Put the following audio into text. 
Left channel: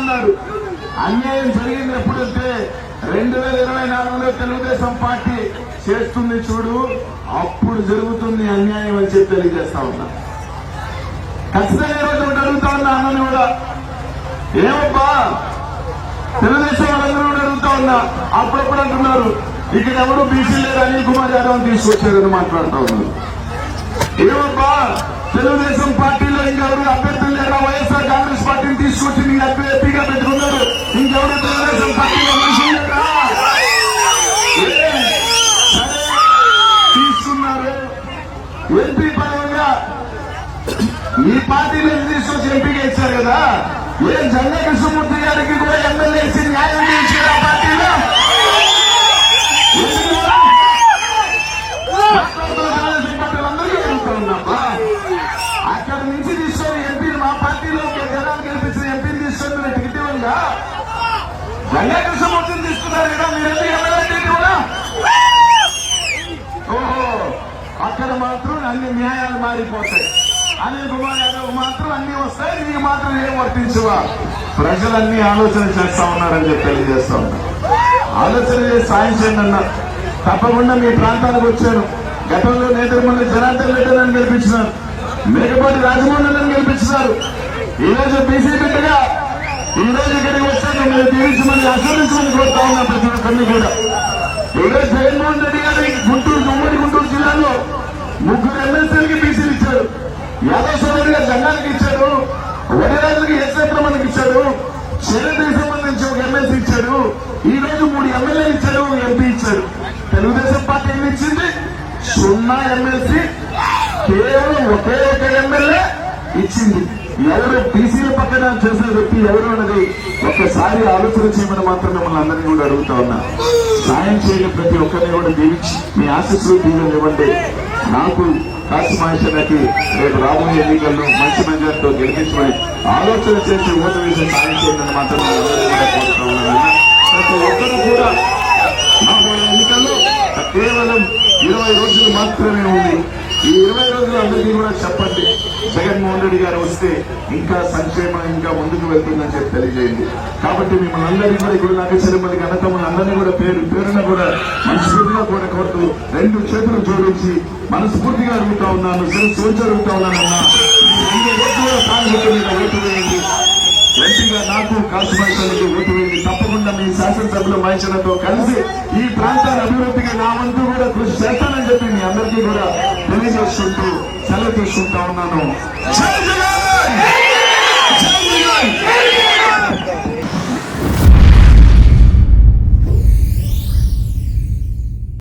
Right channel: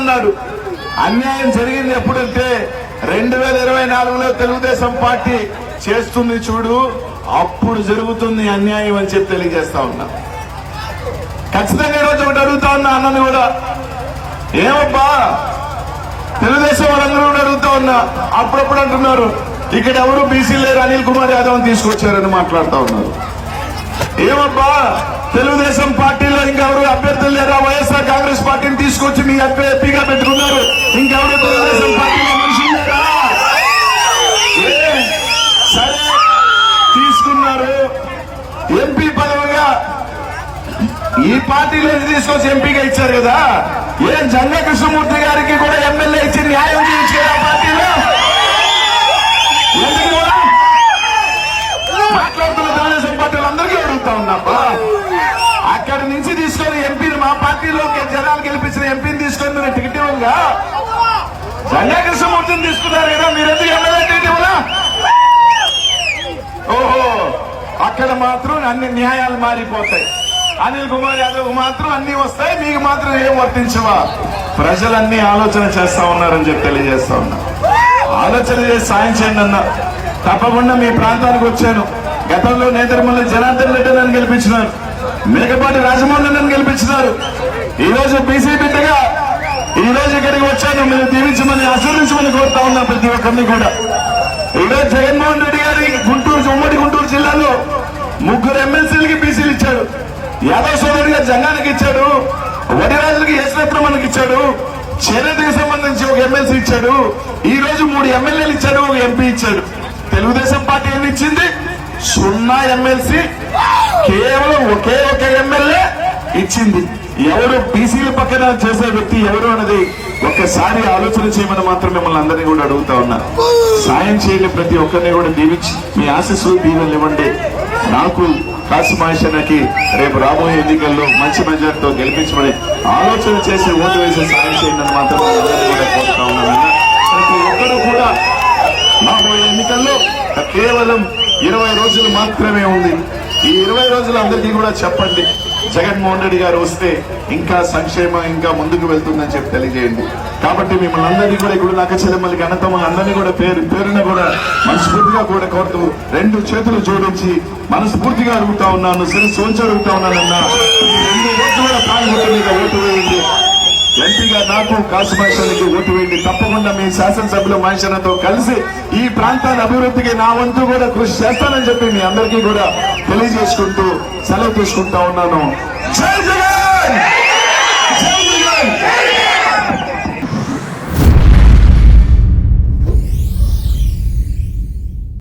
అన్నాడు. అన్యాయం జరిగింది ఎప్పుడంటే 2024లో తెలుగుదేశం పార్టీ చేస్తుంది చూడు, అప్పుడు జరుగుతుంది అన్యాయం అని చెప్పి తెలియజేస్తా ఉన్నా. ఖచ్చితంగా ఈరోజు ఒకటి అడుగుతా ఉన్నా అన్నని కూడా, ఏమబ్బా తెలుగుదేశం వాళ్ళందరూ కూడా అడుగుతా ఉన్నా, అప్పుడప్పుడు అంటున్నారు ఇక్కడ ఎవరు బీసీ లేరు, అనిల్ కుమార్ యాదవ్ తీసుకొచ్చారని మాట్లాడుతా ఉన్నారు. ఏమబ్బా తెలుగుదేశం పార్టీలో ఇంకెవరు అభ్యర్థులు లేరా, వైఎస్ఆర్ కాంగ్రెస్ పార్టీని తీసుకొచ్చి మీ ఎంపీగా పెట్టుకున్నారు, ఇంకెవరు తెలుగుదేశం పార్టీలో మనుషులు లేరా? సరే తీసుకున్నారు, ఎంపీ పదవిగా ఈ పార్టీలో తీసుకొచ్చి ఎంపీగా ఇచ్చారు కదా, ఏం జంగా కృష్ణమూర్తి గారికి కూడా ఎమ్మెల్యే ఇచ్చి న్యాయం చేయించారు ఆ పార్టీలో? తెలుగుదేశం పార్టీలు అందరికీ అడుగుతా ఉన్నా, అక్కడి నుంచి తీసుకొని ఎంపీని మా పార్టీలో జనాలు గెలిపించిన ఎంపీని తీసుకొని మీరు టికెట్ ఇవ్వగా జంగా కృష్ణమూర్తిని తీసుకున్నారు కదా, మీరు ఎందుకు ఎమ్మెల్యే టికెట్? ఓహో, అక్కడ మాత్రం అన్ని న్యాయాలు మారిపోతాయి. అనిల్ కుమార్ యాదవ్ మాత్రం అన్ని వస్తాయి, మీకు మాత్రం ఏం వర్తించవా? ప్రజలన్నీ ఆలోచన చేస్తా ఉన్నారని చెప్పి తెలియజేస్తా ఉన్నా. ఆలోచన చేసి సాయం చేయండి అన్నా. తప్పకుండా మీ ప్రాంతానికి వచ్చాను. గతంలో నేతృమూల జనార్దన్ రెడ్డి నన్ను గెలిపించినారు, మేకపాటి రాజమోహన్ నన్ను గెలిపించినారు. ఈ రోజు బీసీ బిడ్డగా ఈ రోజు ఇక్కడికి వచ్చాను. మీరు దీవించమని ఆశీర్వించమని కోరుతా ఉన్నా ప్రతి ఒక్కరిని కూడా. ఈరోజు జగన్మోహన్ రెడ్డి గారి ఉమ్మడి గుంటూరు జిల్లాలో 3 ఎమ్మెల్సీలకి బీసీలు ఇచ్చాడు. యాదవ్ సోదరుడు గారు జనానికి ఇచ్చాడు, వడిరాజులకి యశ్వత్రమణకి ఇచ్చాడు, చేనేతకి సంబంధించి ఒక ఎమ్మెల్సీ ఇచ్చాడు. ఈ రోజు 3 ఎమ్మెల్యేలు ఇచ్చాడు, ఒక ఎంపీ ఇచ్చాడు. తెలుగుదేశం పార్టీ ఏమి ఇచ్చింది? 0 ఎమ్మెల్సీ, కేవలం ఒకే ఒక ఎమ్మెల్యే ఇచ్చింది. ఎవరు బీసీల పక్కన చేసే వ్యక్తి ఎవరు అన్నది ఒక్కసారి ఆలోచన చేయమని మాత్రం మిమ్మల్ని అందరినీ కూడా అడుగుతా ఉన్నా. సాయం చేయని ప్రతి ఒక్కరిని కూడా దీవించి మీ ఆశీస్సులు దీవెనలు ఇవ్వండి. నాకు కాశీమాషన్నకి రేపు రాబోయే ఎన్నికల్లో మంచి మెజార్టీతో గెలిపించమని ఆలోచన చేసి ఓటు వేసి సాయం చేయండి మాత్రం కోరుతా ఉన్నాను. ప్రతి ఒక్కరు కూడా రాబోయే ఎన్నికల్లో కేవలం 20 రోజులు మాత్రమే ఉంది. ఈ 20 రోజులు అందరికీ కూడా చెప్పండి, జగన్మోహన్ రెడ్డి గారు వస్తే ఇంకా సంక్షేమం ఇంకా ముందుకు వెళ్తుందని చెప్పి తెలియజేయండి. కాబట్టి మిమ్మల్ని అందరినీ కూడా ఇప్పుడు నాకు చెల్లెమ్మల ఘనతమ్మ అందరినీ కూడా పేరున కూడా మనస్ఫూర్తిగా కూడా కోరుతూ 2 చేతులు జోడించి మనస్ఫూర్తిగా అడుగుతా ఉన్నాను, సోంచి అడుగుతా ఉన్నానన్నా 2 రోజుల ప్రారంభంగా ఓటు వేయండి. ఎంపీగా నాకు కాశీమాషన్నకి ఓటు వేయండి. తప్పకుండా మీ శాసనసభ్యుల మహేశ్వరతో కలిసి ఈ ప్రాంతాల అభివృద్ధికి నా వంతు కూడా కృషి చేస్తానని చెప్పి మీ అందరికీ కూడా తెలియజేసుకుంటూ సెలవు తీసుకుంటా ఉన్నాను. జై జగన్.